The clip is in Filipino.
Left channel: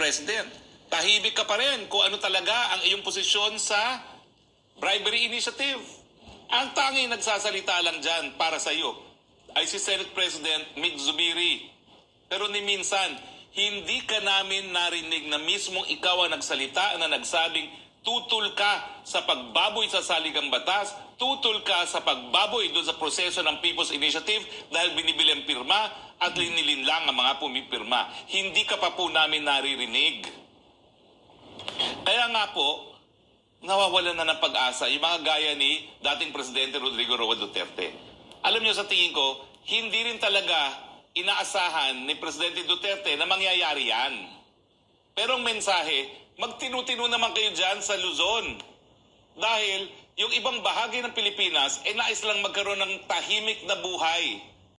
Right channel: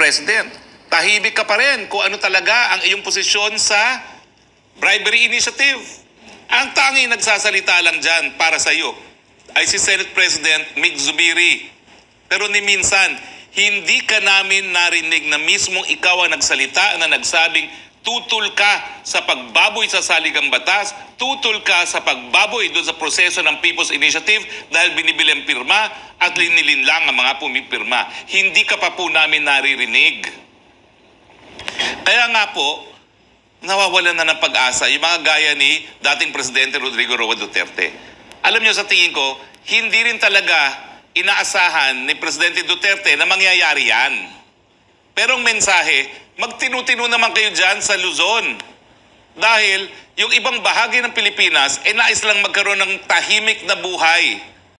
President, tahimik ka pa rin kung ano talaga ang iyong posisyon sa bribery initiative. Ang tanging nagsasalita lang dyan para sa iyo ay si Senate President Mig Zubiri. Pero ni minsan, hindi ka namin narinig na mismong ikaw ang nagsalita na nagsabing tutol ka sa pagbaboy sa saligang batas, tutol ka sa pagbaboy doon sa proseso ng People's Initiative dahil binibili ang pirma at linilin lang ang mga pumipirma. Hindi ka pa po namin naririnig. Kaya nga po, nawawalan na ng pag-asa yung mga gaya ni dating Presidente Rodrigo Roa Duterte. Alam niyo, sa tingin ko, hindi rin talaga inaasahan ni Presidente Duterte na mangyayari yan. Pero ang mensahe, magtinu-tinu naman kayo dyan sa Luzon. Dahil yung ibang bahagi ng Pilipinas, nais lang magkaroon ng tahimik na buhay.